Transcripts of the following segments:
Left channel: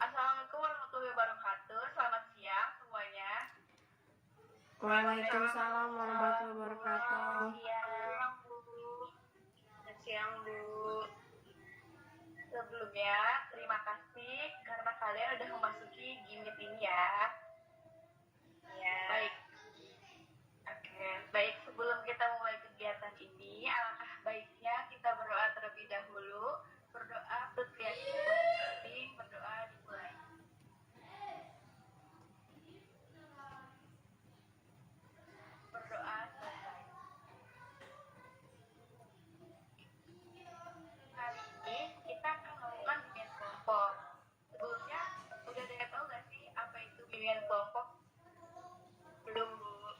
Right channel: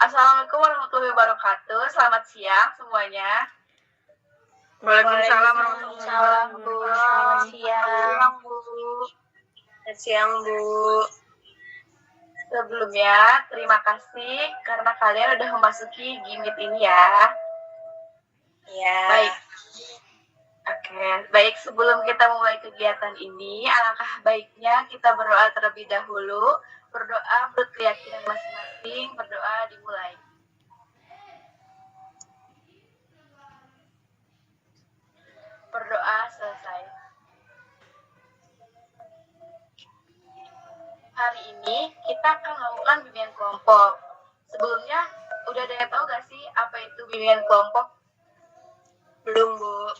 Assalamualaikum warahmatullahi wabarakatuh. Selamat siang semuanya. Waalaikumsalam Waalaikumsalam, Bu. Selamat siang, Bu. Selamat siang, Bu. Sebelumnya, terima kasih karena kalian udah memasuki Gimit ini ya. Ya. Baik. Oke, baik, sebelum kita mulai kegiatan ini, alangkah baiknya kita berdoa terlebih dahulu. Berdoa menurut keyakinan masing-masing, berdoa dimulai. Berdoa selesai. Hari ini kita akan melakukan bimbingan kelompok. Sebelumnya, udah ada yang tahu gak sih apa itu bimbingan kelompok? Belum, Bu.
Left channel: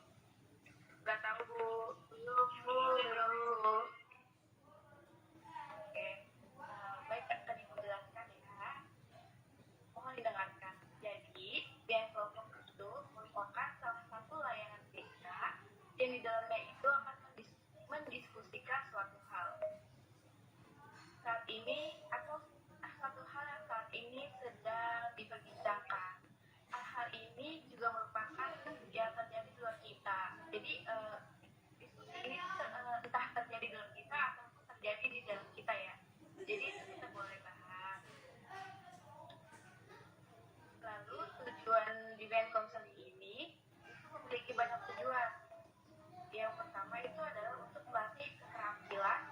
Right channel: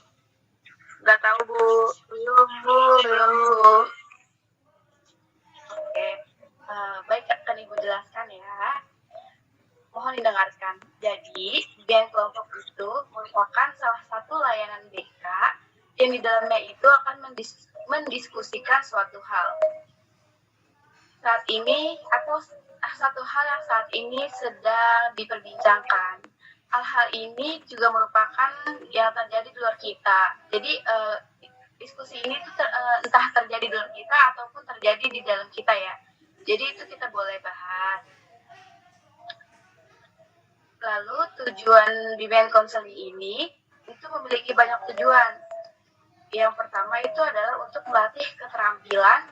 Gak tahu, Bu. Belum, Bu. Oke, baik, akan Ibu jelaskan ya. Mohon didengarkan. Jadi, bimbingan kelompok itu merupakan salah satu layanan BK yang di dalamnya itu akan mendiskusikan suatu hal. Saat ini, atau satu hal yang saat ini sedang diperbincangkan. Hal-hal ini juga merupakan yang terjadi di luar kita. Jadi, diskusi ini tuh entah terjadi di luar kita ataupun terjadi di dalam kita ya. Jadi itu kita boleh bahas. Lalu tujuan bimbingan konseling ini itu memiliki banyak tujuan. Yang pertama itu adalah untuk melatih keterampilan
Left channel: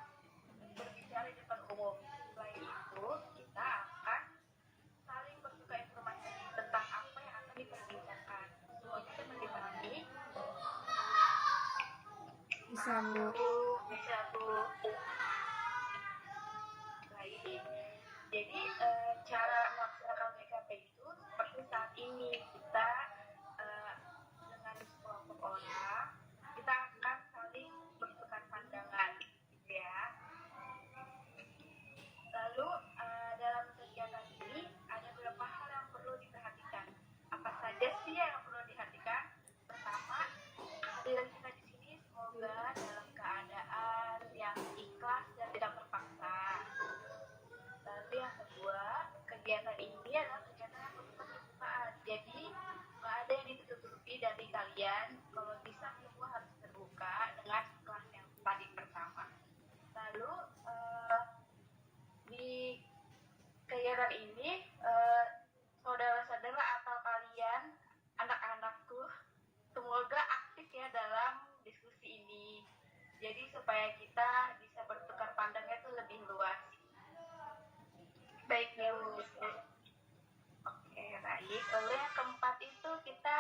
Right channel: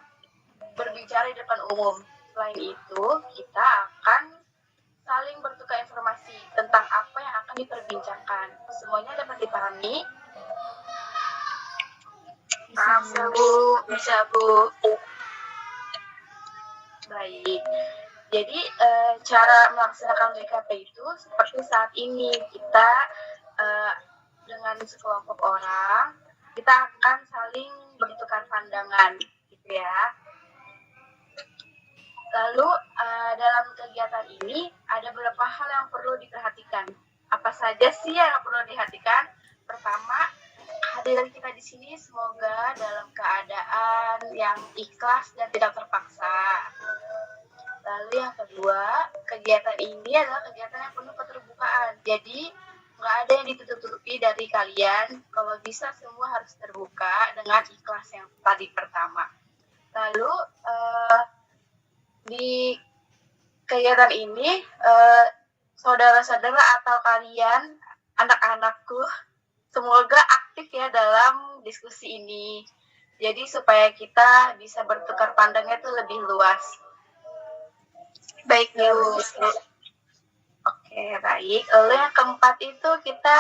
berbicara di depan umum. Selain itu, kita akan saling bertukar informasi tentang apa yang akan diperbincangkan. Semuanya dapat dipahami? Bisa, Bu. Baik. Jadi, cara melaksanakan BKP itu seperti saat ini. Kita dengan sekelompok orang, kita akan saling bertukar pandangan, gitu ya. Lalu, dalam kegiatan ini, ada beberapa hal yang perlu diperhatikan. Apa saja sih yang perlu diperhatikan? Pertama, kehadiran kita di sini semoga dalam keadaan yang ikhlas dan tidak terpaksa. Lalu yang kedua, kegiatan ini adalah kegiatan yang penuh keterbukaan. Jadi, nggak ada yang ditutup-tutupi dari kalian. Kalau bisa semua harus terbuka dengan ikhlas yang tadi pertama. Lalu, di kegiatan ini, saudara-saudara atau kalian, anak-anakku, semoga aktif ya dalam diskusi ini. Jadi supaya kita bisa bertukar pandangnya itu lebih luas. Baik, Bu. Oke, baik. Lalu yang keempat itu kita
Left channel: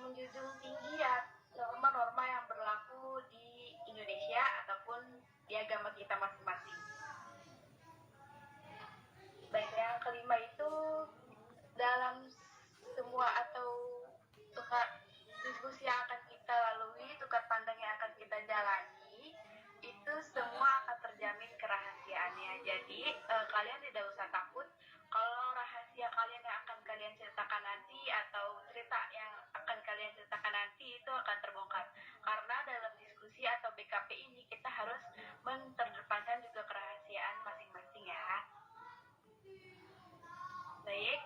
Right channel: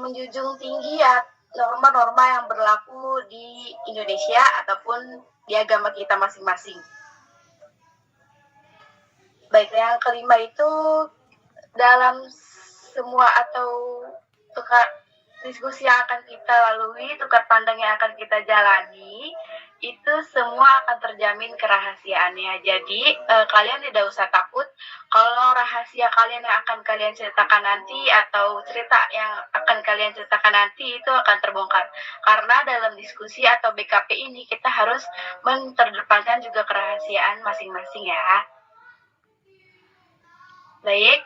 menjunjung tinggi ya norma-norma yang berlaku di Indonesia ataupun di agama kita masing-masing. Baik, yang kelima itu dalam semua atau diskusi yang akan kita lalui, tukar pandang yang akan kita jalani, itu semua akan terjamin kerahasiaannya. Jadi, kalian tidak usah takut kalau rahasia kalian yang akan kalian ceritakan nanti atau cerita yang akan kalian ceritakan nanti itu akan terbongkar. Karena dalam diskusi atau BKP ini kita harus menterdepankan juga kerahasiaan masing-masing ya. Baik.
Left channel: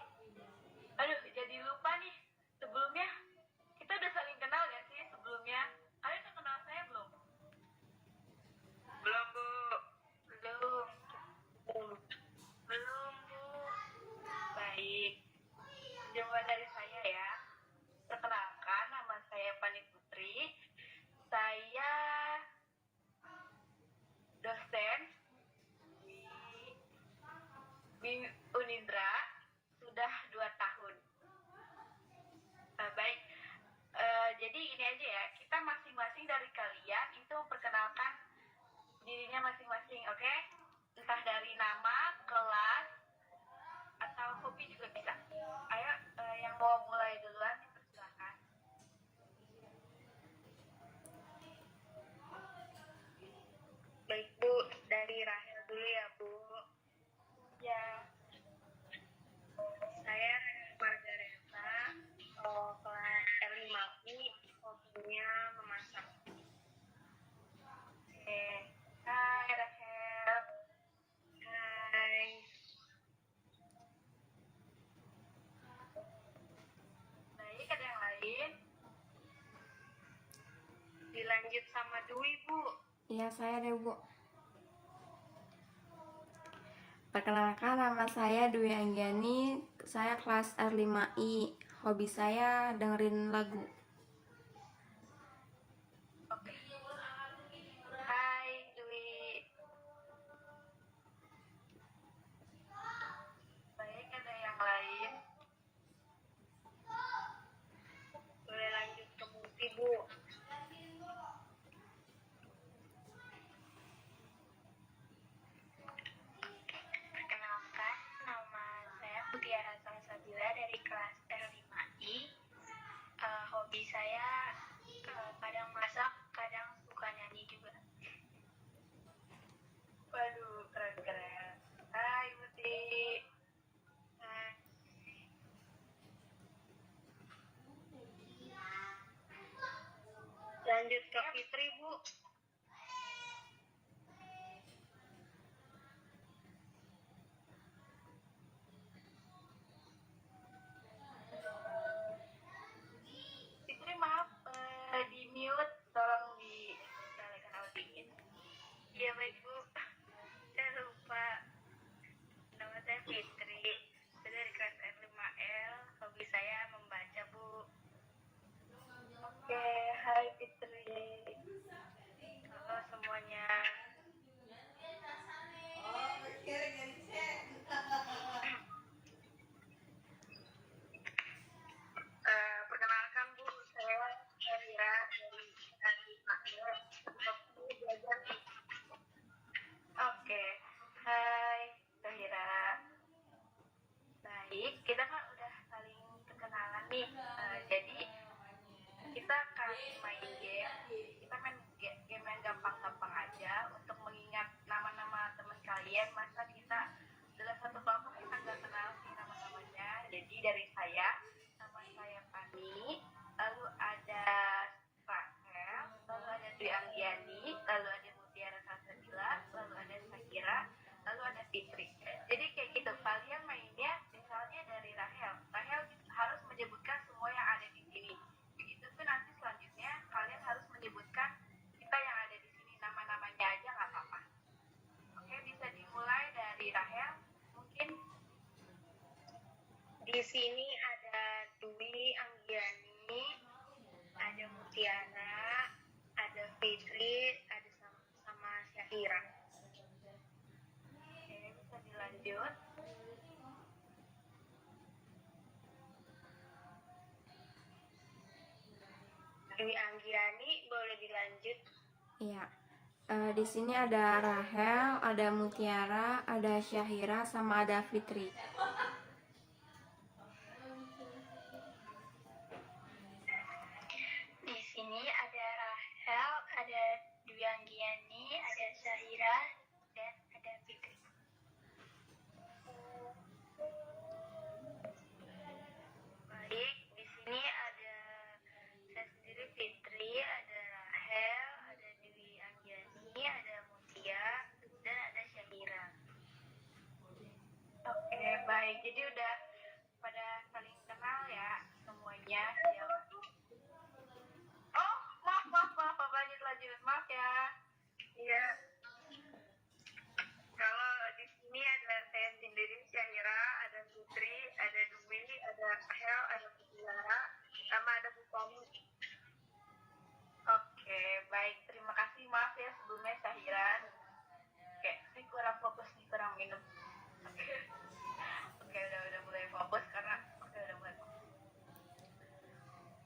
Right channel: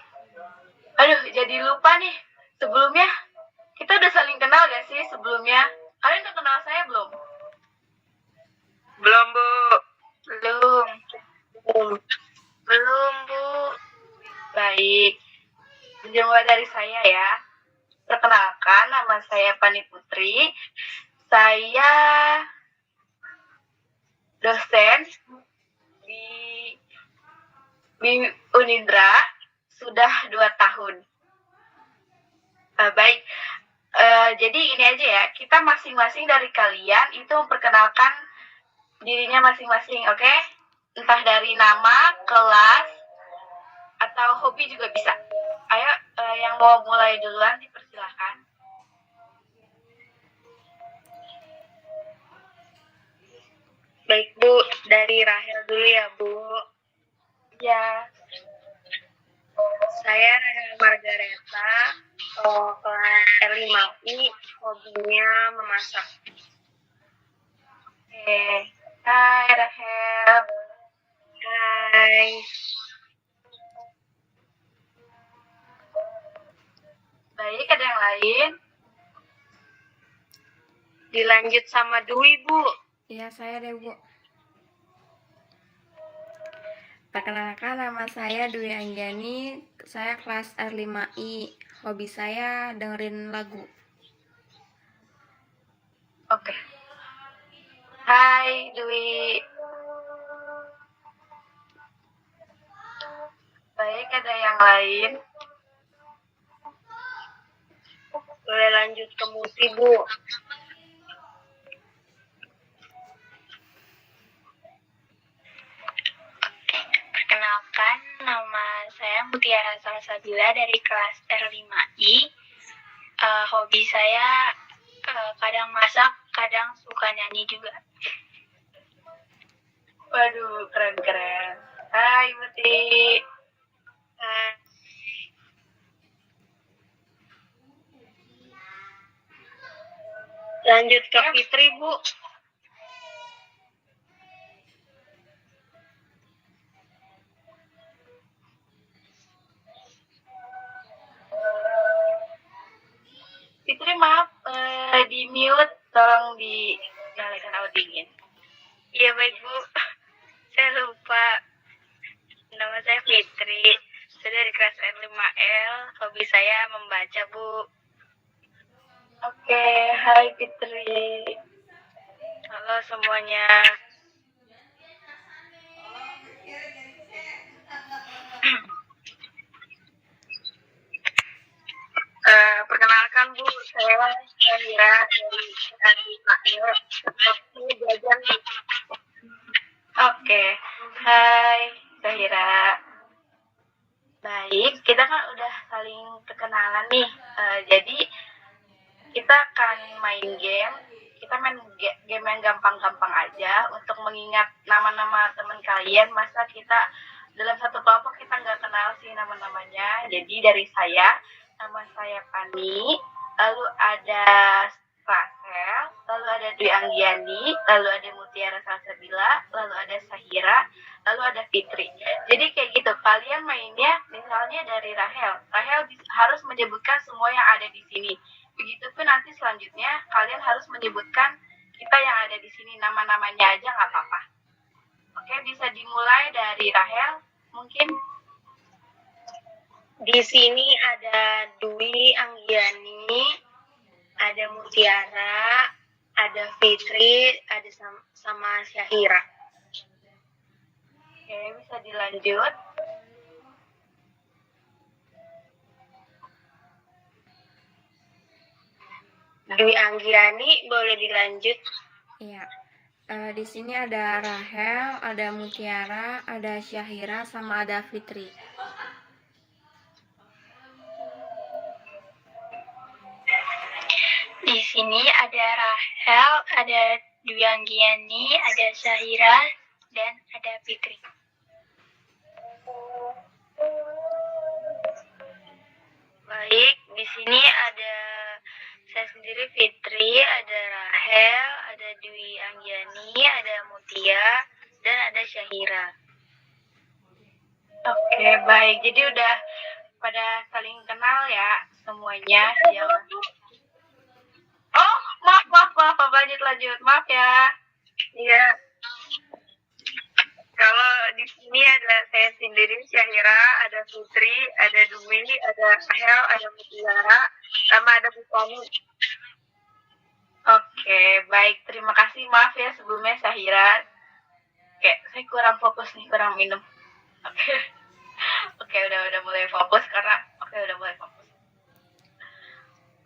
Aduh, jadi lupa nih. Sebelumnya, kita udah saling kenal gak sih sebelumnya? Kalian udah kenal saya belum? Belum, Bu. Belum, Bu. Baik. Jumpa dari saya ya. Perkenalkan, nama saya Pani Putri. Saya dosen di Unindra sudah 2 tahun. Baik. Jadi ini aja ya, kita masing-masing dari kalian itu memperkenalkan dirinya masing-masing, oke? Entah dari nama, kelas, atau hobi juga bisa. Ayo, yang mau mulai duluan dipersilahkan. Baik, Bu. Dari Rahel dulu ya, Bu. Ya. Saya Rahel Margareta, kelas R5I, hobinya memasak. Oke. Hai, Rahel. Hai. Baik, ada yang lain? Dilanjut sama Dwi, Bu. Iya, saya deh, Bu. Perkenalkan, nama saya Dwi Anggiani. Saya kelas R5I. Hobi saya dengerin lagu. Oke. Hai, Dwi. Baik, ada yang lain? Boleh lanjut ke Muti, Bu. Perkenalkan, nama saya Mutiara Salsabila dari kelas R5I. Hobi saya kadang masak, kadang suka nyanyi juga. Waduh, keren-keren. Hai, Muti. Lanjut ke Fitri, Bu. Fitri, maaf, di mute. Tolong dinyalakan audionya. Iya, baik, Bu. Saya lupa. Nama saya Fitri. Saya dari kelas R5L. Hobi saya membaca, Bu. Oke, hai Fitri. Halo semuanya. Perkenalkan, Bu, saya Syahira dari R5L. Seperti jajan. Oke, hai Zahira. Baik, kita kan udah saling perkenalan nih. Jadi kita akan main game. Kita main game yang gampang-gampang aja untuk mengingat nama-nama teman kalian. Masa kita dalam satu kelompok kita nggak kenal sih nama-namanya. Jadi dari saya, nama saya Pani, lalu ada Rachel, lalu ada Dwi Anggiani, lalu ada Mutiara Salsabila, lalu ada Sahira, lalu ada Fitri. Jadi kayak gitu, kalian mainnya misalnya dari Rahel. Rahel harus menyebutkan semua yang ada di sini. Begitupun nanti selanjutnya kalian harus menyebutkan kita yang ada di sini, nama-namanya aja nggak apa-apa. Oke, bisa dimulai dari Rahel mungkin. Di sini ada Dwi Anggiani, ada Mutiara, ada Fitri, ada sama Syahira. Oke, bisa dilanjut. Dwi Anggiani boleh dilanjut. Iya. Di sini ada Rahel, ada Mutiara, ada Syahira, sama ada Fitri. Di sini ada Rahel, ada Dwi Anggiani, ada Syahira, dan ada Fitri. Baik, di sini ada saya sendiri Fitri, ada Rahel, ada Dwi Anggiani, ada Mutia, dan ada Syahira. Oke, baik. Jadi udah pada saling kenal ya semuanya. Oh, maaf. Lanjut. Maaf ya. Iya. Kalau di sini ada saya sendiri Syahira, ada Fitri, ada Dwi, ada Rahel, ada Mutiara, sama ada Bukani. Oke, baik. Terima kasih. Maaf ya sebelumnya Syahira. Oke, saya kurang fokus nih, kurang minum. Oke, udah mulai fokus karena udah mulai fokus.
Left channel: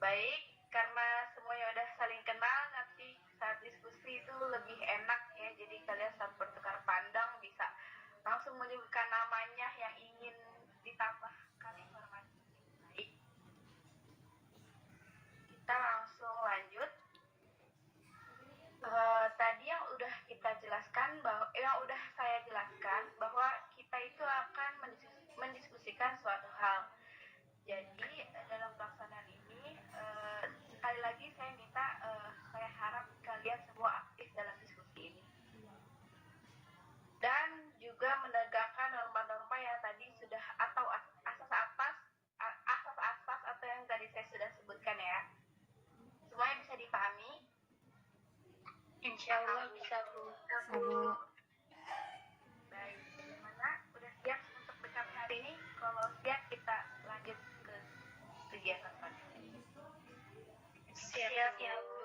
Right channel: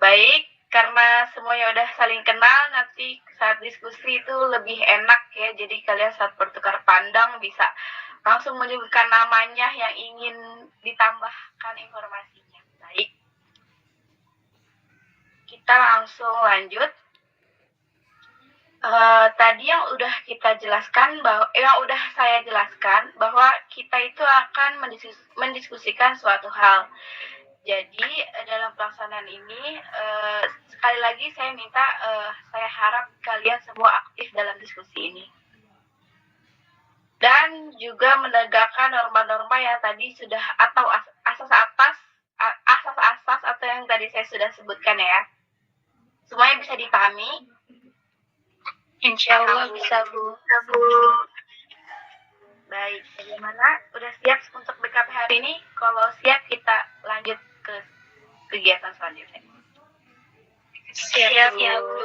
Baik, karena semuanya udah saling kenal, nanti saat diskusi itu lebih enak ya. Jadi kalian saat bertukar pandang bisa langsung menyebutkan namanya yang ingin ditambahkan informasinya. Baik, kita langsung lanjut. Tadi yang udah kita jelaskan udah saya jelaskan bahwa kita itu akan mendiskusikan suatu hal. Jadi dalam pelaksanaan ini sekali lagi saya minta saya harap kalian semua aktif dalam diskusi ini dan juga menegakkan norma-norma yang tadi sudah atau asas-asas atau yang tadi saya sudah sebutkan ya. Semuanya bisa dipahami? Insya Allah bisa, Bu. Baik, bagaimana? Udah siap untuk BKP hari ini? Kalau siap, kita lanjut ke kegiatan selanjutnya. Siap, ya, Bu.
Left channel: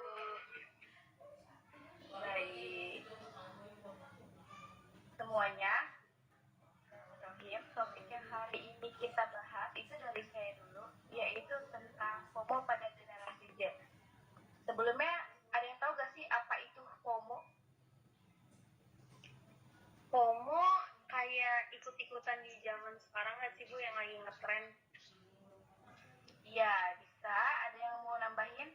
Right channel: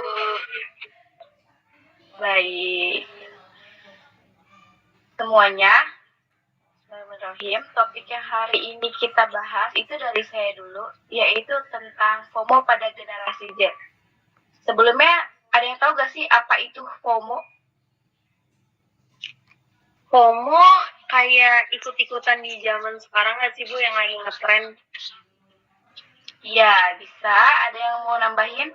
Baik. Semuanya, Bismillahirrahmanirrahim. Topik yang hari ini kita bahas itu dari saya dulu, yaitu tentang FOMO pada generasi Z. Sebelumnya, ada yang tahu gak sih apa itu FOMO? FOMO kayak ikut-ikutan di zaman sekarang nggak sih, Bu, yang lagi ngetren? Iya, bisa. Ada yang mau nambahin?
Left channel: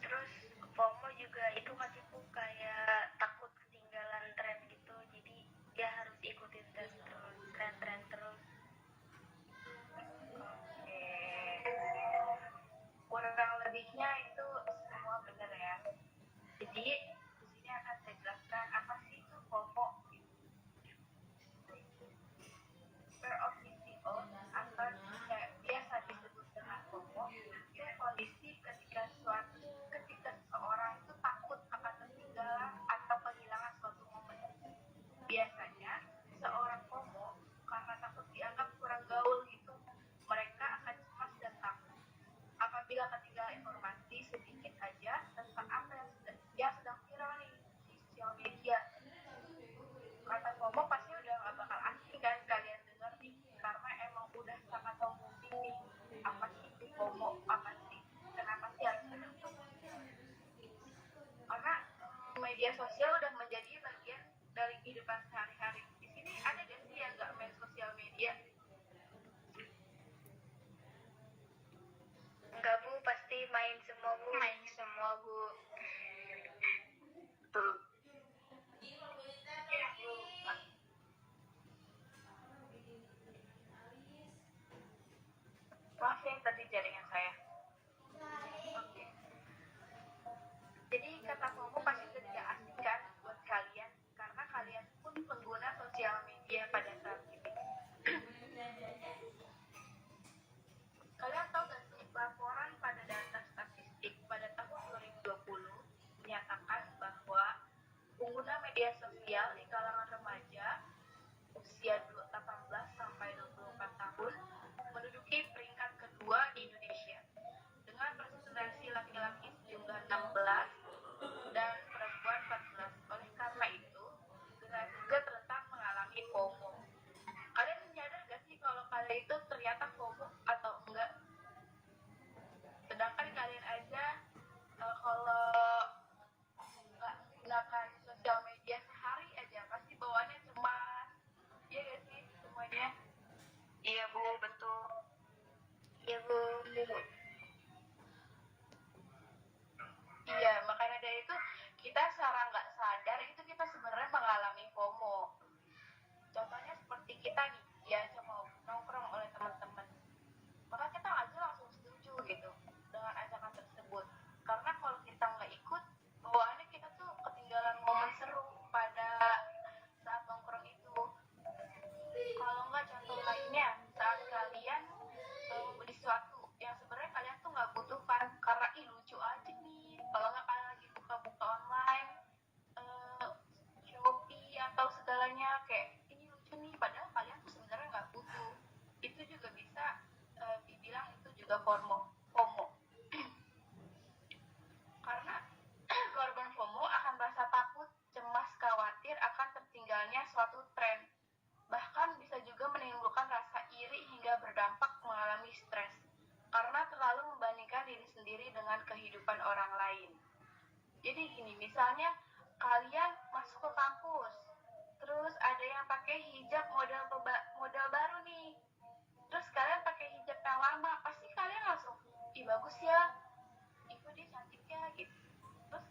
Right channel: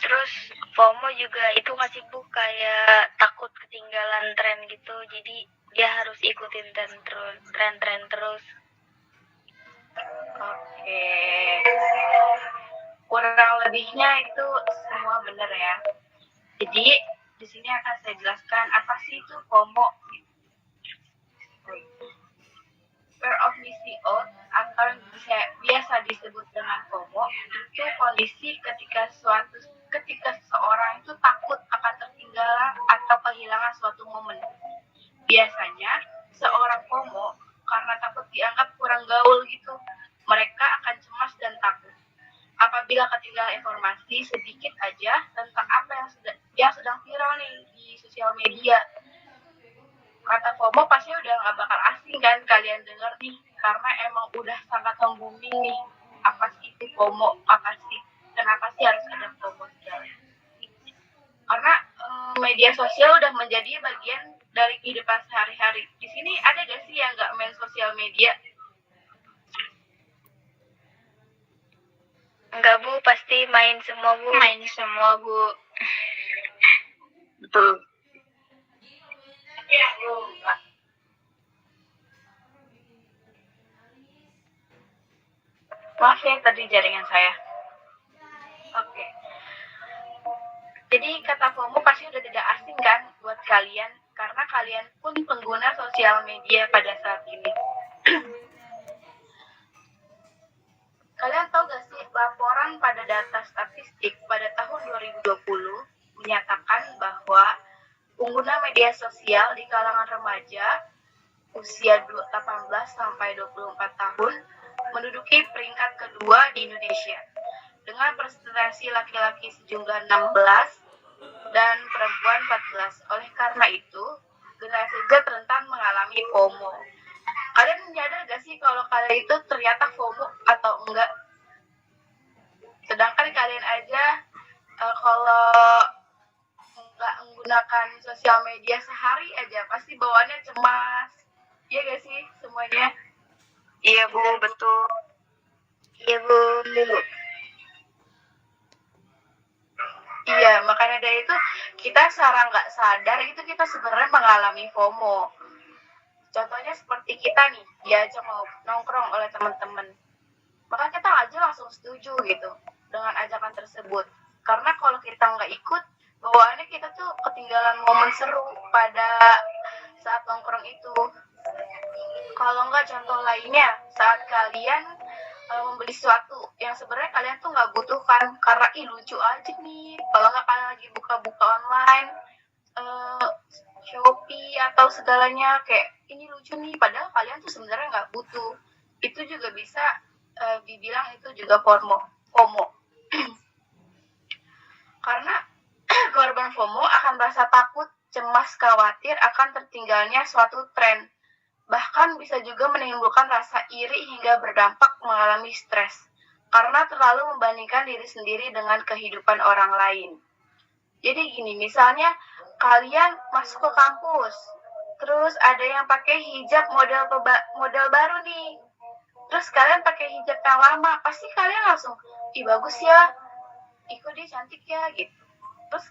Terus FOMO juga itu nggak sih, Bu, kayak takut ketinggalan tren gitu, jadi dia harus ikutin tren terus. Oke. Kurang lebihnya itu semua benar ya. Jadi, di sini akan saya jelaskan apa sih itu FOMO. Fear of missing out atau biasa disebut dengan FOMO itu kondisi ketika seseorang itu takut akan tertinggalan atau kehilangan suatu momen. Biasanya seorang FOMO karena takut dianggap kurang gaul gitu, mereka akan cemas dan takut apabila ketinggalan informasi sedikit aja tentang apa yang sedang viral nih di sosial media. Kata FOMO pasti udah gak bakal asing kan kalian denger nih, karena emang udah sangat booming nih. Apa sih itu FOMO? Apa sih? Kenapa sih harus ada FOMO segala? Karena media sosial udah menjadi bagian dari kehidupan sehari-hari. Di sini ada gak sih yang gak main sosial media? Enggak, Bu, pasti main semua, Bu. Main semua, Bu. Betul. Maaf ya tadi jaringan saya. Oke. Jadi kata FOMO pasti udah tidak asing kan buat kalian, karena kalian pun pengguna sosial media pada saat ini. Kalian tahu gak sih laporan pada data statistik pada tahun 2020 menyatakan bahwa pengguna media sosial di kalangan remaja usia 18 sampai 24 tahun menduduki peringkat kedua di Indonesia dengan presentasi laki-laki sejumlah 16 dan perempuan 14. Oleh karena itu, generasi Z rentan mengalami FOMO. Kalian menyadar gak sih kalau kalian itu ternyata FOMO atau enggak? Sedangkan kalian aja kalau nggak menggunakan sosial media sehari aja pasti bawaannya cemas. Iya gak sih semuanya? Iya, Bu, betul. Iya, Bu. Iya, makanya dari itu kita secara nggak sadar itu kita sebenarnya mengalami FOMO. Contohnya seperti kita nih, diajak mau nongkrong oleh teman-teman. Maka kita aja langsung setuju gitu dengan ajakan tersebut. Karena kalau kita nggak ikut, bawaannya kita tuh ketinggalan momen seru pada saat nongkrong itu. Kalau nggak contoh lainnya, saat kalian membeli sesuatu yang sebenarnya kalian tuh nggak butuhkan karena lucu aja nih. Kalau nggak kalian lagi buka-buka online, Shopee atau segalanya kayak ini lucu nih, padahal kalian tuh sebenarnya nggak butuh. Itu juga bisa dibilang itu juga FOMO. Karena korban FOMO akan merasa takut, cemas, khawatir akan tertinggalnya suatu tren. Bahkan bisa juga menimbulkan rasa iri hingga berdampak mengalami stres karena terlalu membandingkan diri sendiri dengan kehidupan orang lain. Jadi gini, misalnya kalian masuk ke kampus, terus ada yang pakai hijab model baru nih. Terus kalian pakai hijab yang lama, pasti kalian langsung, ih bagus ya, ikut dia cantik ya gitu. Terus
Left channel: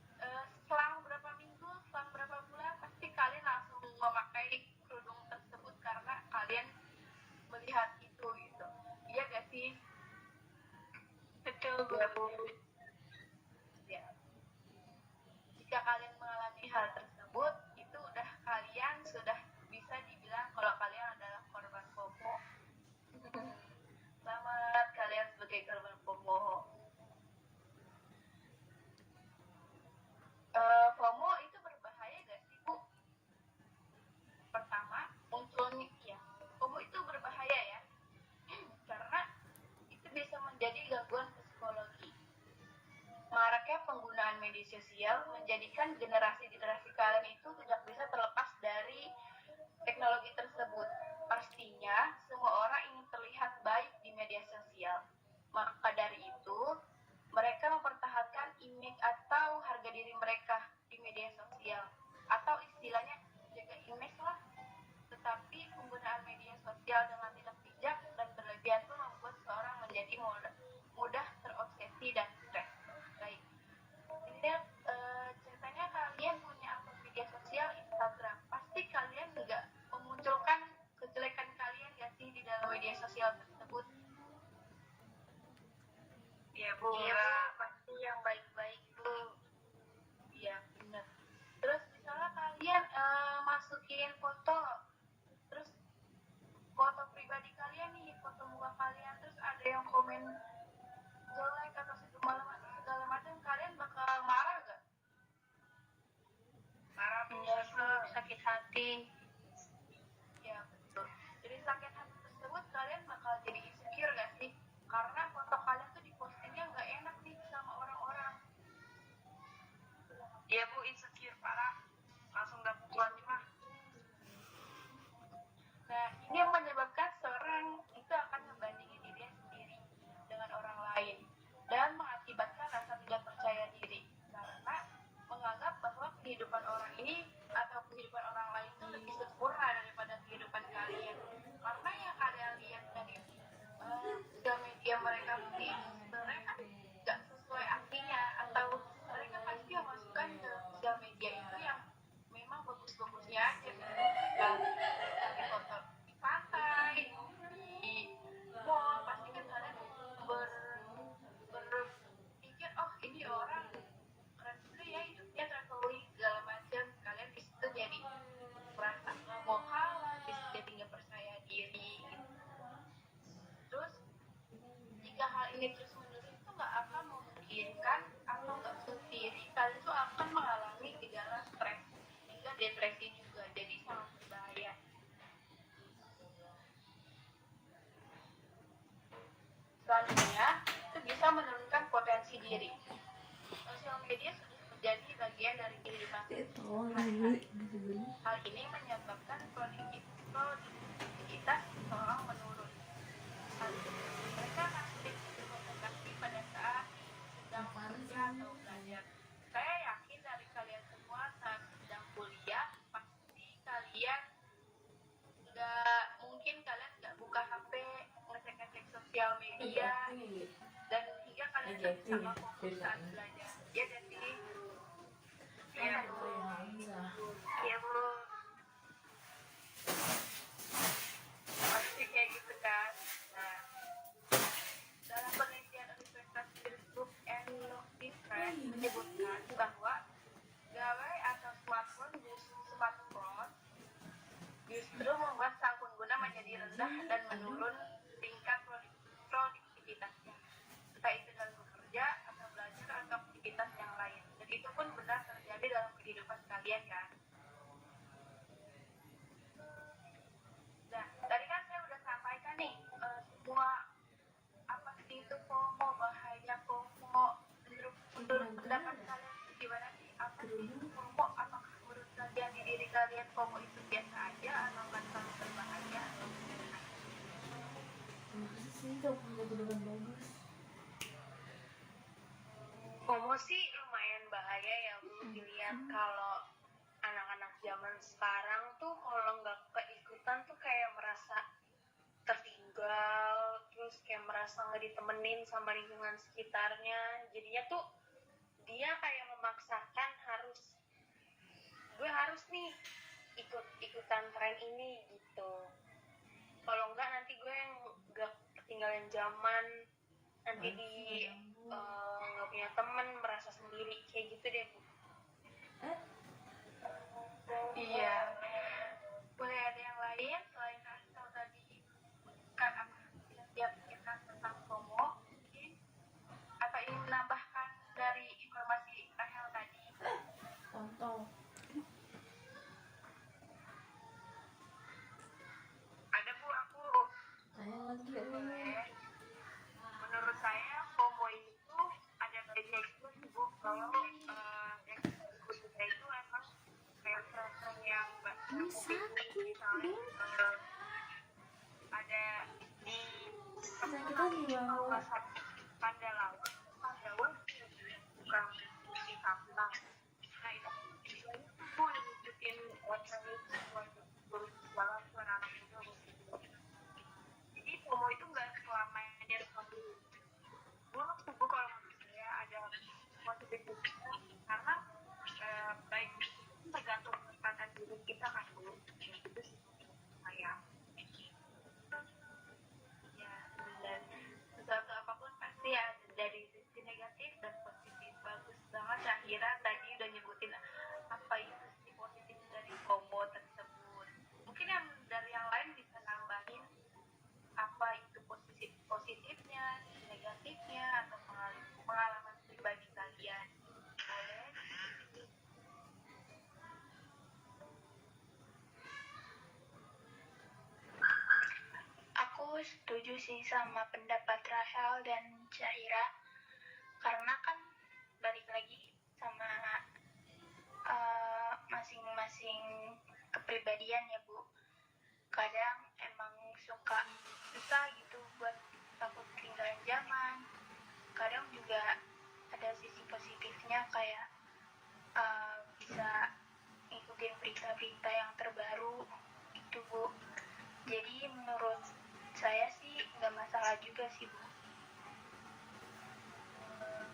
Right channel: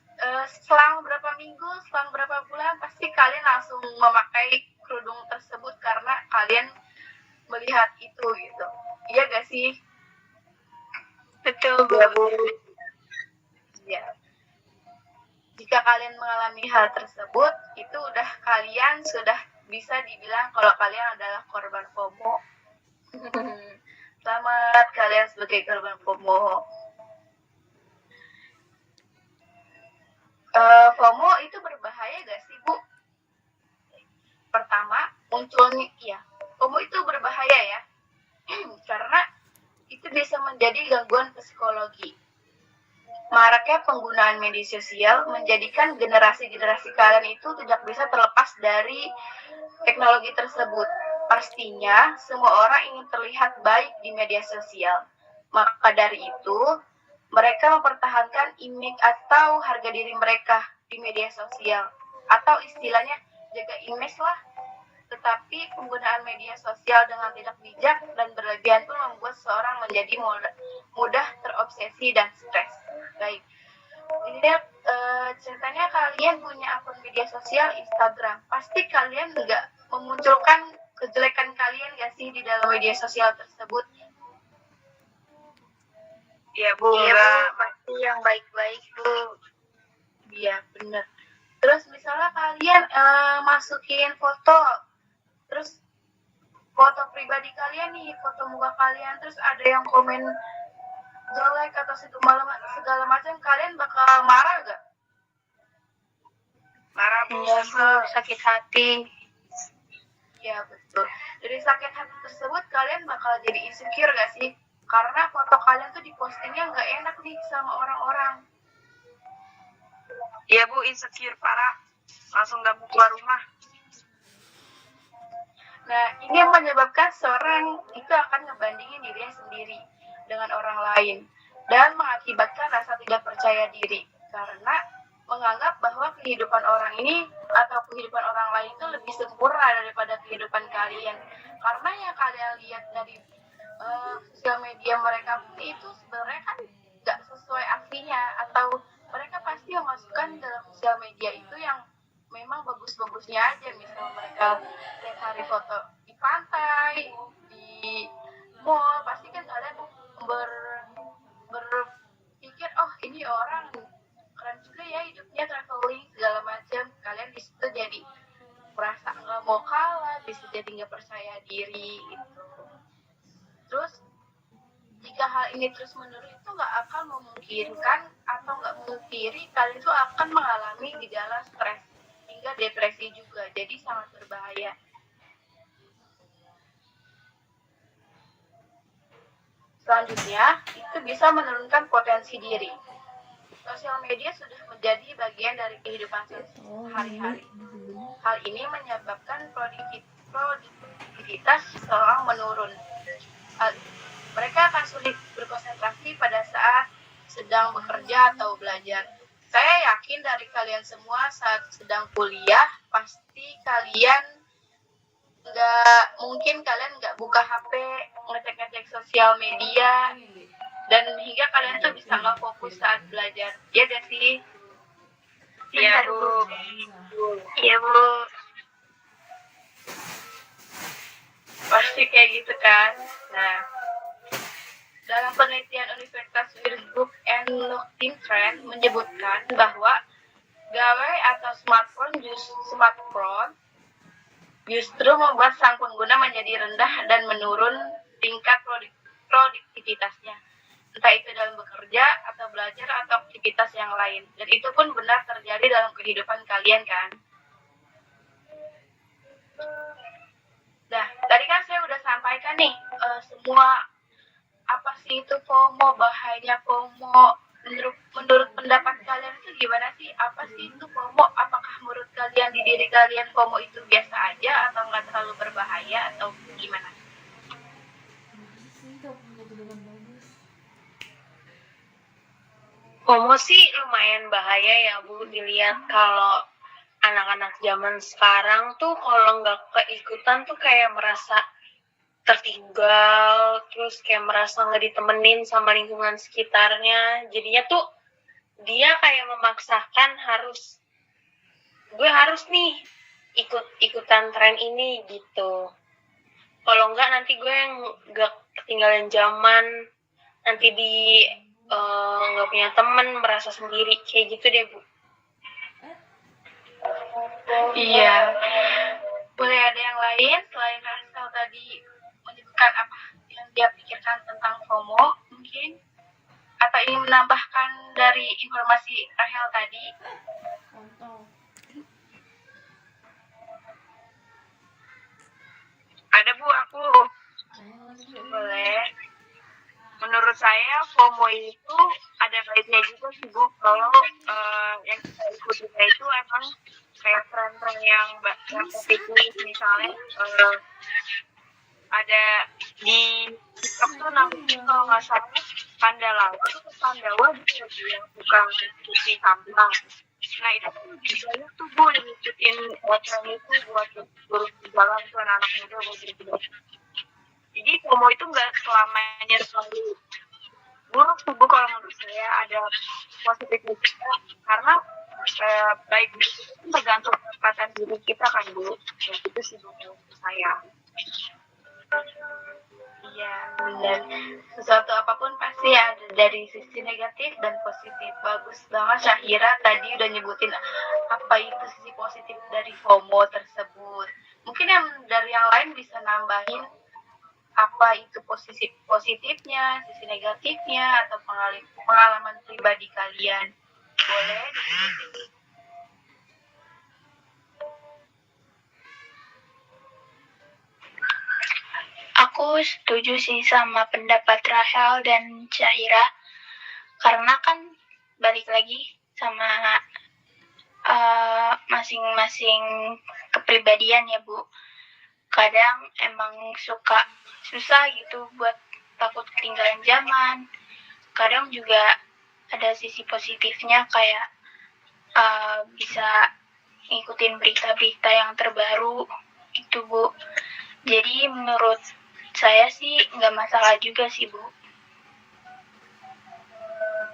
selang berapa minggu, selang berapa bulan, pasti kalian langsung memakai kerudung tersebut karena kalian melihat itu gitu. Iya gak sih? Betul, Bu. Iya. Jika kalian mengalami hal tersebut, itu kalian sudah bisa dibilang kalau kalian adalah korban FOMO. Selamat sebagai korban FOMO. FOMO itu berbahaya gak sih, Bu? Pertama, munculnya, FOMO itu berbahaya ya, karena itu bisa menjadi gangguan psikologi. Maraknya penggunaan media sosial menjadikan generasi-generasi kalian itu tidak bisa terlepas dari teknologi tersebut. Pastinya, semua orang ingin terlihat baik di media sosial. Maka dari itu, mereka mempertahankan image atau harga diri mereka di media sosial. Atau istilahnya, jaga image lah. Tetapi penggunaan media sosial dengan tidak bijak dan berlebihan pun membuat seorang menjadi mudah terobsesi dan stres. Baik, ini ceritanya kalian punya akun media sosial Instagram. Pasti kalian nggak memunculkan kejelekan kalian nggak sih di dalam media sosial tersebut? Iya Bu, enggak pasti yang baik-baik Bu. Iya, benar. Terus misalnya kalian masukin foto, terus foto pribadi kalian nih, foto muka kalian, terus ada yang komen jelek atau segala macam, kalian bakal marah gak? Marah Bu, Iya Bu, sakit hati. Ya betul. Dari sakit hati tersebut kalian bakal jadi insecure gak sih? Karena foto kalian tuh dipostingnya nggak enak nih sama orang-orang. Iya Bu, insecure parah. Langsung gak mau keluar rumah. Nah, ini yang menyebabkan seorang itu akan ngebandingin dirinya sendiri dengan orang lain dan mengakibatkan rasa tidak percaya diri karena menganggap bahwa kehidupan orang ini atau kehidupan orang lain itu lebih sempurna daripada kehidupan kalian. Karena yang kalian lihat dari sosial media mereka itu sebenarnya kan nggak sesuai aslinya, atau mereka pasti memasukkan dalam sosial media itu yang memang bagus-bagusnya aja. Misalnya mereka cari foto di pantai, di mall, pasti kan kalian berpikir, oh ini orang keren juga ya hidupnya, traveling segala macam. Kalian di situ jadi merasa nggak mau kalah, bisa jadi nggak percaya diri gitu. Terus jika hal ini terus menerus itu nggak akan memungkinkan atau nggak memungkiri kalian itu akan mengalami gejala stres hingga depresi juga, jadi sangat berbahaya. Selanjutnya, itu bisa menurunkan potensi diri. Sosial media sudah menjadi bagian dari kehidupan sehari-hari. Hal ini menyebabkan produktivitas seseorang menurun. Mereka akan sulit berkonsentrasi pada saat sedang bekerja atau belajar. Saya yakin dari kalian semua saat sedang kuliah, pasti kalian nggak buka HP, ngecek-ngecek sosial media, dan hingga kalian tuh bisa nggak fokus saat belajar. Iya gak sih? Iya Bu. Iya Bu. Pasti kayak gitu kan. Nah, dalam penelitian Universitas Würzburg and Leuchten Trend menyebutkan bahwa gawai atau smartphone justru membuat sang pengguna menjadi rendah dan menurun tingkat produktivitasnya, entah itu dalam bekerja atau belajar atau aktivitas yang lain. Dan itu pun benar terjadi dalam kehidupan kalian kan. Nah, tadi kan saya udah sampaikan nih semua apa sih itu FOMO, bahayanya FOMO. Menurut pendapat kalian itu gimana sih? Apa sih itu FOMO? Apakah menurut kalian di diri kalian FOMO itu biasa aja atau nggak terlalu berbahaya atau gimana? FOMO sih lumayan bahaya ya Bu, dilihat kalau anak-anak zaman sekarang tuh kalau nggak keikutan tuh kayak merasa tertinggal, terus kayak merasa nggak ditemenin sama lingkungan sekitarnya. Jadinya tuh dia kayak memaksakan gue harus nih ikutan tren ini gitu. Kalau nggak nanti gue yang nggak ketinggalan zaman, nanti nggak punya temen, merasa sendiri kayak gitu deh Bu. Iya. Boleh ada yang lain selain Rasel tadi menyebutkan apa yang dia pikirkan tentang FOMO? Mungkin menambahkan dari informasi Rahel tadi? Ada Bu, aku boleh. Menurut saya FOMO itu ada baiknya juga sih Bu, kalau yang kita ikuti itu emang kayak tren-tren yang positif, misalnya ada di TikTok tuh namanya kalau nggak salah Pandawa gitu yang suka cuci sampah. Nah itu tuh banyak tuh Bu yang ngikutin tren itu buat turun di jalan tuh anak-anak muda buat berbuat. Jadi FOMO itu nggak selamanya selalu buruk tuh Bu, kalau menurut saya ada positifnya juga, karena baik itu tergantung kesempatan diri kita kan Bu. Nah, itu sih menurut saya. Iya, dan sesuatu apapun pasti ada dari sisi negatif dan positif. Bagus banget Syahira tadi udah nyebutin apa itu sisi positif dari FOMO tersebut. Mungkin yang dari yang lain bisa nambahin apa itu positifnya, sisi negatifnya, atau pengalaman pribadi kalian. Boleh disebutin. Aku setuju sih sama pendapat Rahel dan Syahira, karena kan balik lagi sama masing-masing kepribadian ya Bu. Kadang emang susah gitu buat takut ketinggalan zaman. Kadang juga ada sisi positifnya kayak bisa ngikutin berita-berita yang terbaru itu Bu. Jadi menurut saya sih nggak masalah juga sih Bu.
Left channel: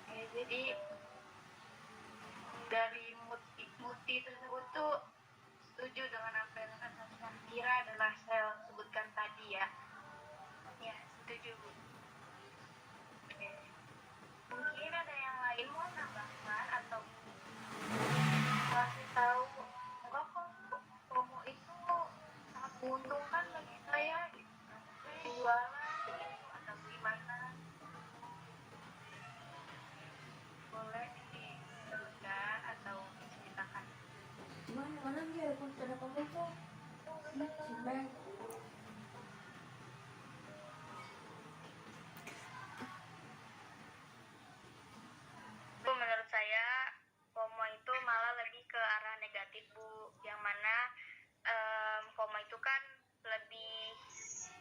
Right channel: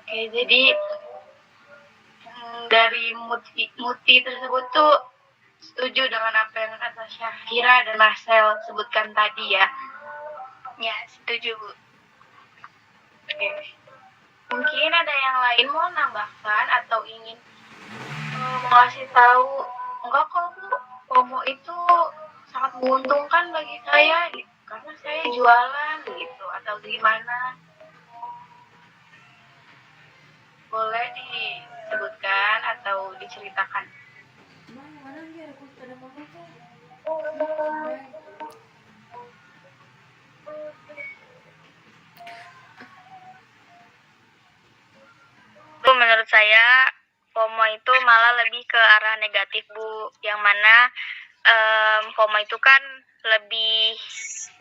Oke, jadi dari Muti tersebut tuh setuju dengan apa yang kata Syahira dan Marcel sebutkan tadi ya. Ya, setuju Bu. Oke. Mungkin ada yang lain mau nambahkan atau ingin ngasih tahu, enggak kok Bu, FOMO itu sangat menguntungkan bagi saya gitu, karena saya jualan gitu, atau gimana? Boleh disebutkan atau diceritakan. Bu, menurut saya FOMO itu malah lebih ke arah negatif Bu, yang mana FOMO itu kan lebih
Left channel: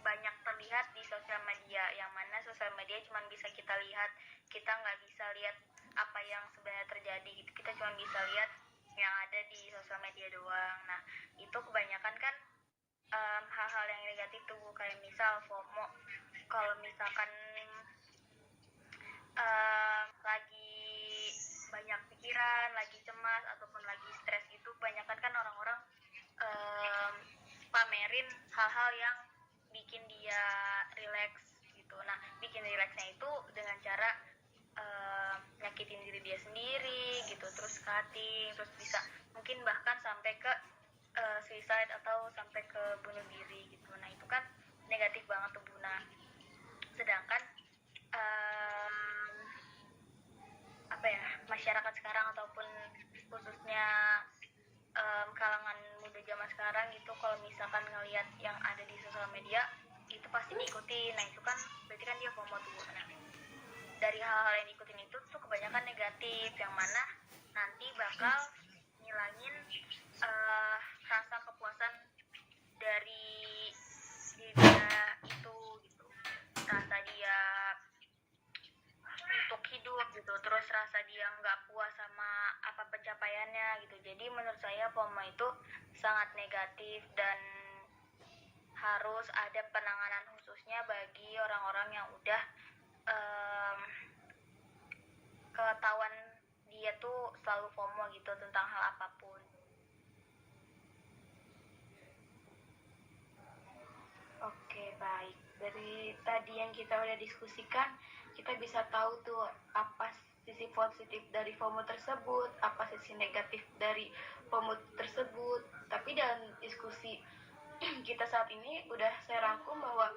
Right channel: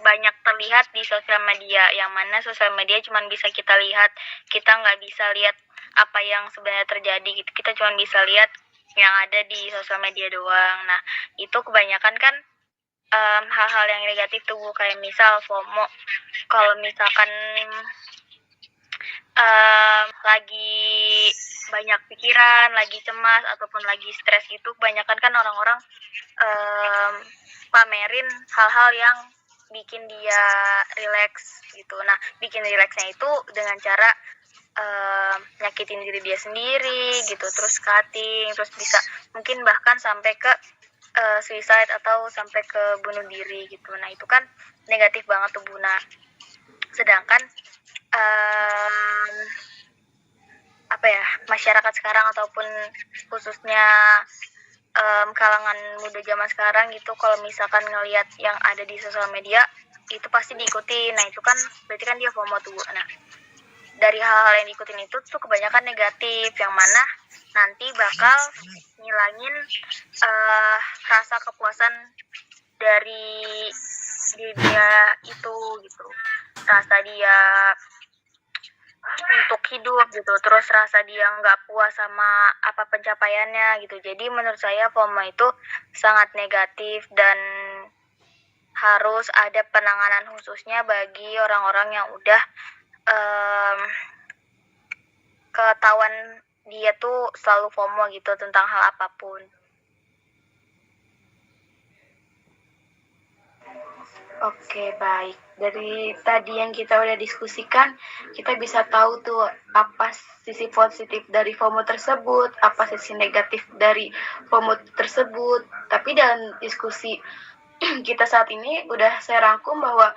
banyak terlihat di sosial media, yang mana sosial media cuma bisa kita lihat, kita nggak bisa lihat apa yang sebenarnya terjadi gitu, kita cuma bisa lihat yang ada di sosial media doang. Nah itu kebanyakan kan hal-hal yang negatif tuh Bu, kayak misal FOMO kalau misalkan lagi banyak pikiran, lagi cemas ataupun lagi stres gitu, kebanyakan kan orang-orang pamerin hal-hal yang bikin dia relax gitu. Nah, bikin relaxnya itu dengan cara nyakitin diri dia sendiri gitu, terus cutting, terus bisa mungkin bahkan sampai ke suicide atau sampai ke bunuh diri gitu. Nah, itu kan negatif banget tuh Bu. Nah, sedangkan masyarakat sekarang ataupun khususnya kalangan muda zaman sekarang gitu, kalau misalkan ngelihat yang ada di sosial media itu pasti diikuti. Nah itu kan berarti kan dia FOMO tuh. Nah dari hal-hal yang diikutin itu tuh kebanyakan negatif, yang mana nanti bakal ngilangin rasa kepuasan dari dia itu gitu, rasa dia untuk hidup gitu, terus rasa dia nggak puas sama apa pencapaiannya gitu. Jadi menurut saya FOMO itu sangat negatif dan harus ada penanganan khususnya bagi orang-orang yang udah ketahuan dia tuh selalu FOMO gitu tentang hal apapun. Oke, baik. Dari tadi yang kita udah diskusikan, kita bisa tahu tuh apa sisi positif dari FOMO tersebut, apa sisi negatif dari FOMO tersebut. Tapi dalam diskusi kita saat ini udah saya rangkum bahwa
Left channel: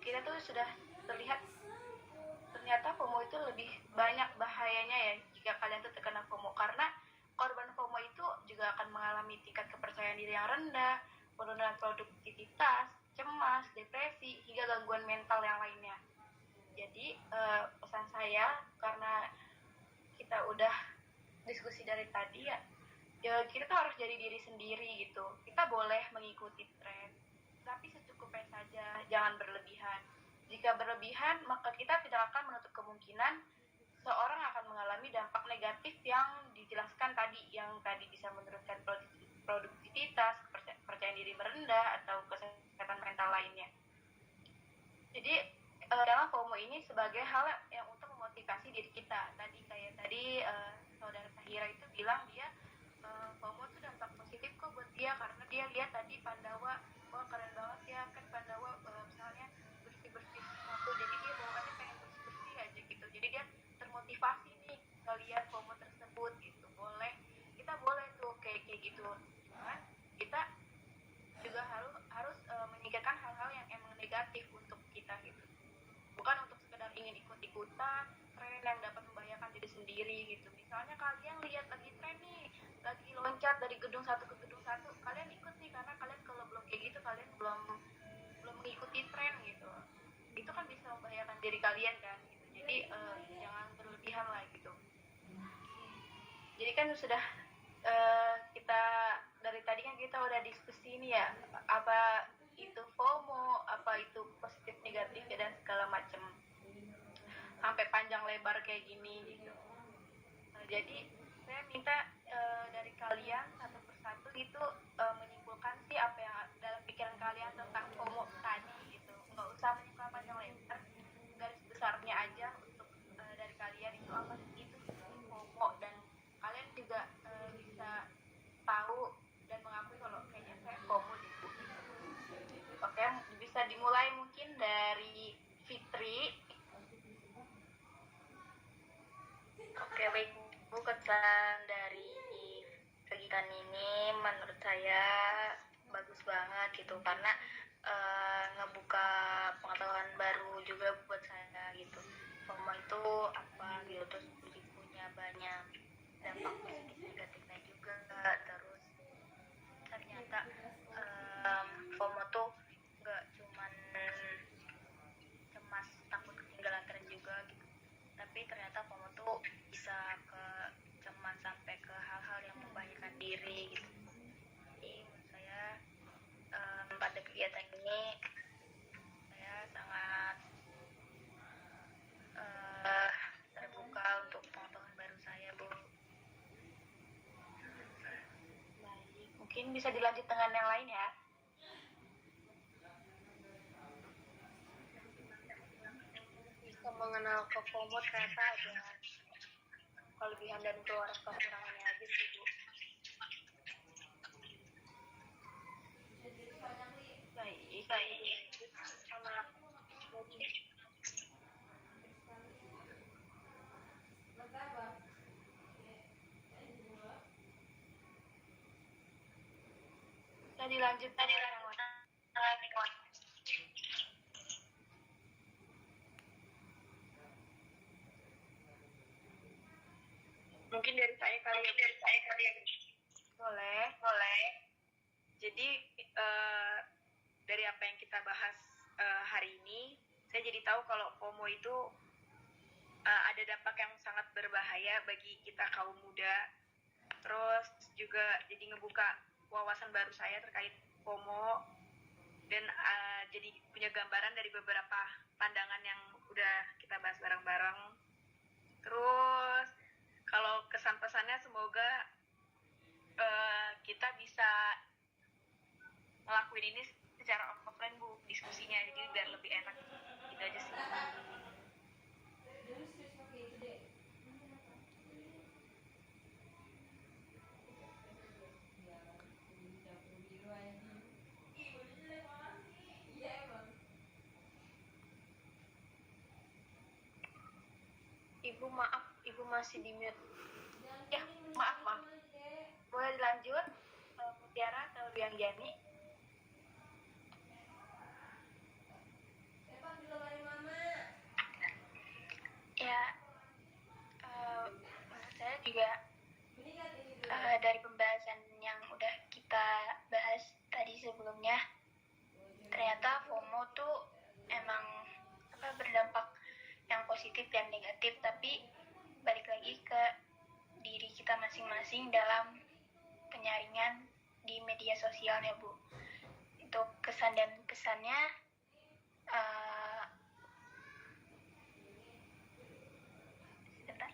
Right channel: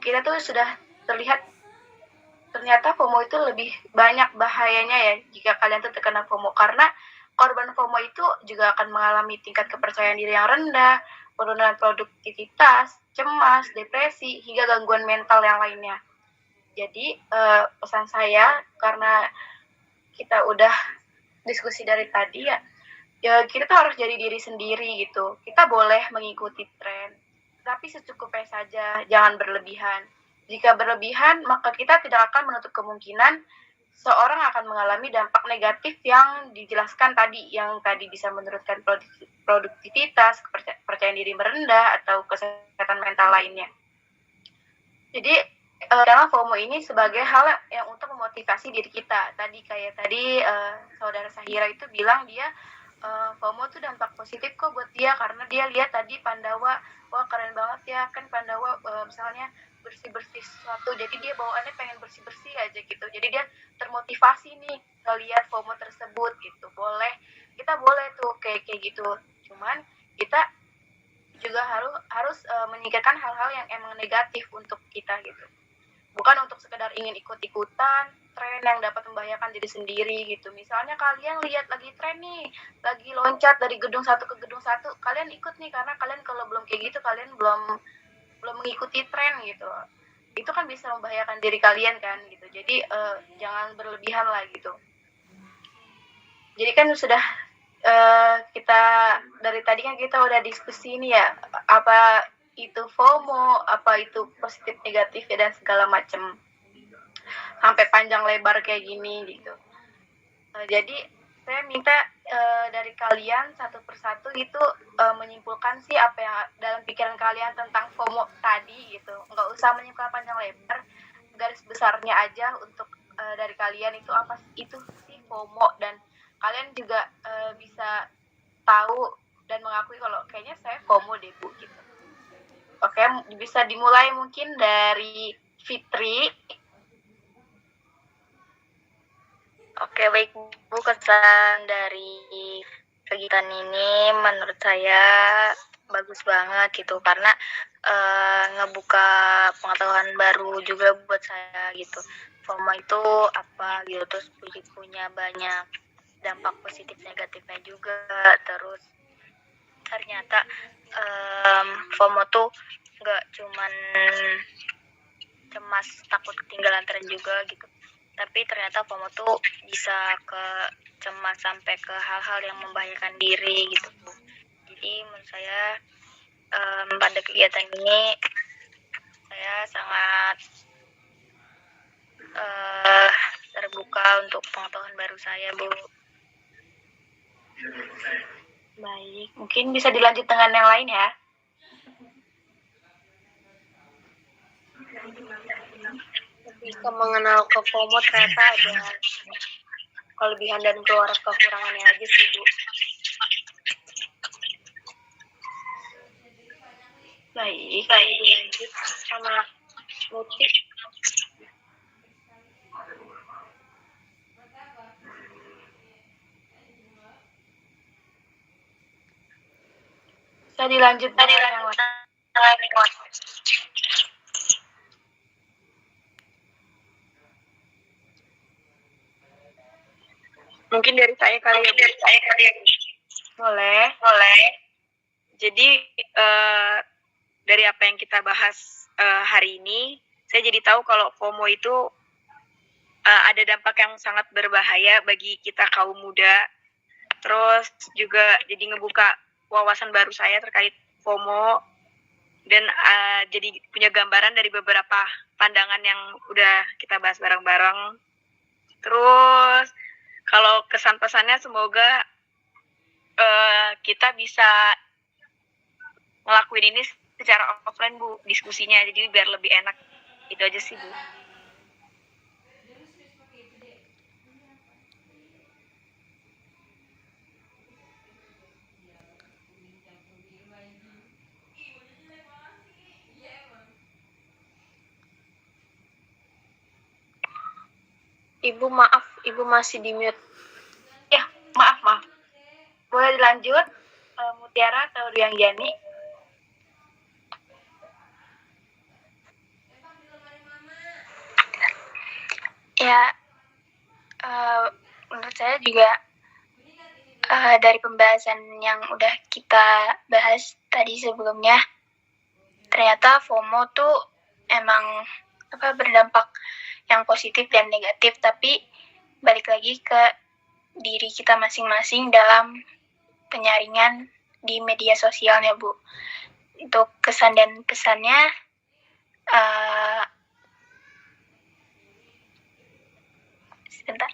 kita tuh sudah terlihat ternyata FOMO itu lebih banyak bahayanya ya jika kalian tuh terkena FOMO, karena korban FOMO itu juga akan mengalami tingkat kepercayaan diri yang rendah, penurunan produktivitas, cemas, depresi, hingga gangguan mental yang lainnya. Jadi pesan saya, karena kita udah diskusi dari tadi ya kita tuh harus jadi diri sendiri gitu. Kita boleh mengikuti tren, tapi secukupnya saja, jangan berlebihan. Jika berlebihan, maka kita tidak akan menutup kemungkinan seorang akan mengalami dampak negatif yang dijelaskan tadi, yang tadi bisa menurunkan produktivitas, kepercayaan diri merendah, atau kesehatan mental lainnya. Jadi dalam FOMO ini sebagai hal yang untuk memotivasi diri kita. Tadi saudara Sahira itu bilang dia FOMO tuh dampak positif kok buat dia, karena dia lihat tadi Pandawa, wah keren banget ya, kan Pandawa misalnya bersih-bersih sesuatu, jadi dia bawaannya pengen bersih-bersih aja gitu, jadi dia termotivasi nih ngelihat FOMO tersebut gitu. Kita boleh tuh kayak gitu, cuman kita juga harus menyingkirkan hal-hal yang emang negatif untuk kita gitu, bukan untuk sekedar ingin ikut-ikutan tren yang dapat membahayakan diri sendiri gitu. Misalnya kalian lihat lagi tren nih, lagi loncat dari gedung satu ke gedung satu, kalian ikut nih, karena kalian kalau belum kayak gitu, kalian belum mengikuti tren gitu. Itu kan bisa membahayakan diri kalian kan gitu. Jadi jangan berlebihan lah gitu. Jadi kan sudah kita dari tadi kan kita udah diskusi nih ya, apa itu FOMO, apa itu positif negatif dan segala macam, sampai panjang lebar kayak gini gitu. Jadi saya minta dari kalian satu persatu itu menyimpulkan sih apa yang dalam pikiran kalian tentang FOMO tadi gitu. Nggak usah menyimpulkan panjang lebar, garis besarnya aja untuk dari kalian itu apa itu sih FOMO, dan kalian juga bisa tahu dan mengakui kalau kayaknya saya FOMO deh Bu gitu. Oke, bisa dimulai mungkin dari Fitri. Oke, baik Bu, kesan dari kegiatan ini menurut saya bagus banget gitu, karena ngebuka pengetahuan baru juga buat saya gitu. FOMO itu apa gitu, terus punya banyak dampak positif negatifnya juga. Terus ternyata FOMO tuh nggak cuman cemas takut ketinggalan tren juga gitu, tapi ternyata FOMO tuh bisa ke cemas sampai ke hal-hal yang membahayakan diri gitu. Jadi menurut saya pada kegiatan ini saya sangat terbuka untuk pengetahuan baru saya Bu. Baik, mungkin bisa dilanjut dengan yang lain ya. Bisa mengenal ke FOMO ternyata ada kelebihan dan kekurangannya aja sih Bu. Baik. Lanjut sama Muti. Bisa dilanjut dengan yang lain. Mungkin dari saya kali ya Bu. Boleh. Jadi dari apa yang kita bahas hari ini, saya jadi tahu kalau FOMO itu ada dampak yang sangat berbahaya bagi kita kaum muda. Terus juga jadi ngebuka wawasan baru saya terkait FOMO, dan jadi punya gambaran dari beberapa pandangan yang udah kita bahas bareng-bareng. Terus kalau kesan pesannya semoga kita bisa ngelakuin ini secara offline Bu, diskusinya, jadi biar lebih enak. Itu aja sih Bu. Ibu maaf, Ibu masih di mute. Ya, maaf. Boleh dilanjut, Mutiara atau Dwi Anggani? Ya, menurut saya juga dari pembahasan yang udah kita bahas tadi sebelumnya, ternyata FOMO tuh emang berdampak yang positif dan negatif, tapi balik lagi ke diri kita masing-masing dalam penyaringan di media sosialnya, Bu. Untuk kesan dan pesannya, sebentar.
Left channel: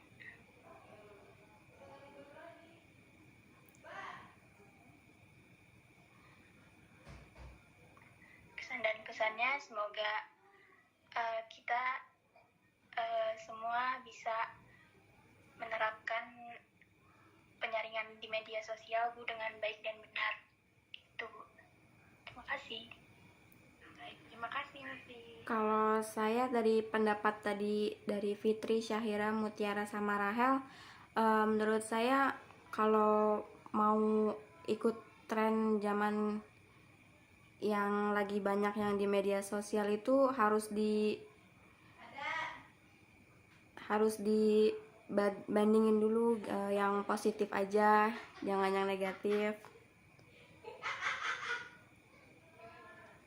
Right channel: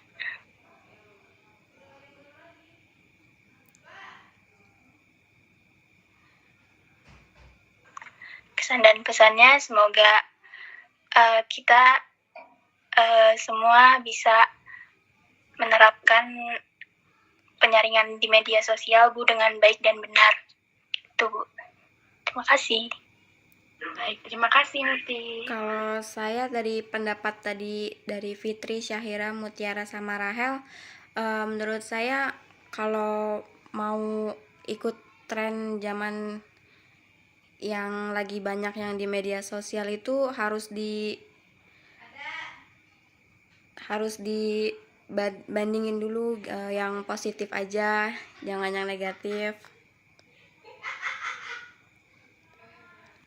Kesan dan pesannya semoga kita semua bisa menerapkan penyaringan di media sosial, Bu, dengan baik dan benar. Itu, Bu. Terima kasih. Baik, terima kasih Muti. Kalau saya dari pendapat tadi dari Fitri, Syahira, Mutiara, sama Rahel, menurut saya kalau mau ikut tren zaman yang lagi banyak yang di media sosial itu harus dibandingin dulu, yang positif aja, jangan yang negatif.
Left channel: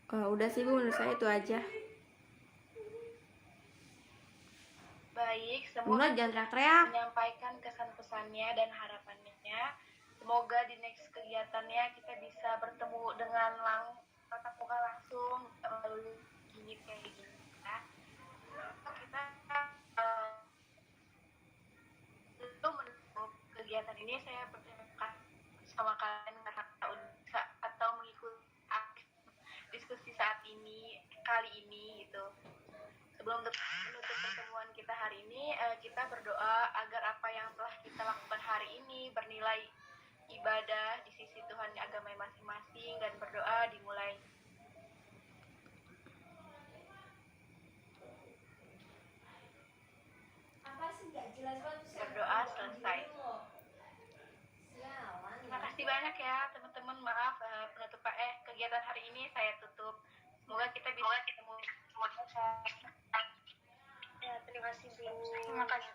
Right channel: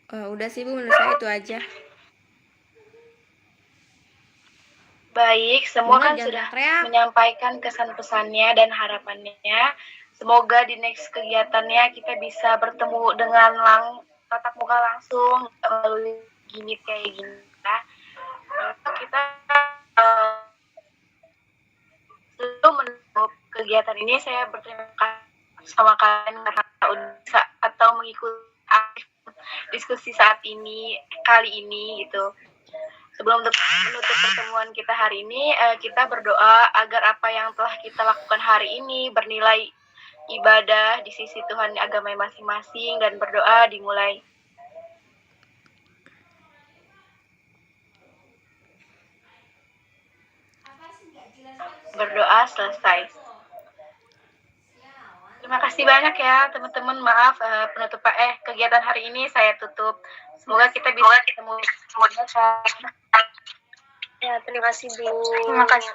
Udah sih, Bu, menurut saya itu aja. Baik, semua kan Jangan sudah teriak. menyampaikan kesan pesannya dan harapannya. Semoga di next kegiatannya kita bisa bertemu dengan tatap muka langsung melalui gini kayak gini. Kita sebelum menutup kegiatan ini, saya berterima kasih sama kalian karena udah bisa atau mengikuti diskusi kali ini gitu. Sebelum menutup pertemuan kita hari ini, kita berdoa agar apa yang telah kita lakukan hari ini bernilai ibadah di sisi Tuhan agama masing-masing, dan berdoa dimulai. Berdoa selesai. Terima kasih banyak ya teman-teman. Maaf kegiatan hari ini saya tutup. Semoga kita bisa ketemu. Ya, terima kasih, Bu. Terima kasih.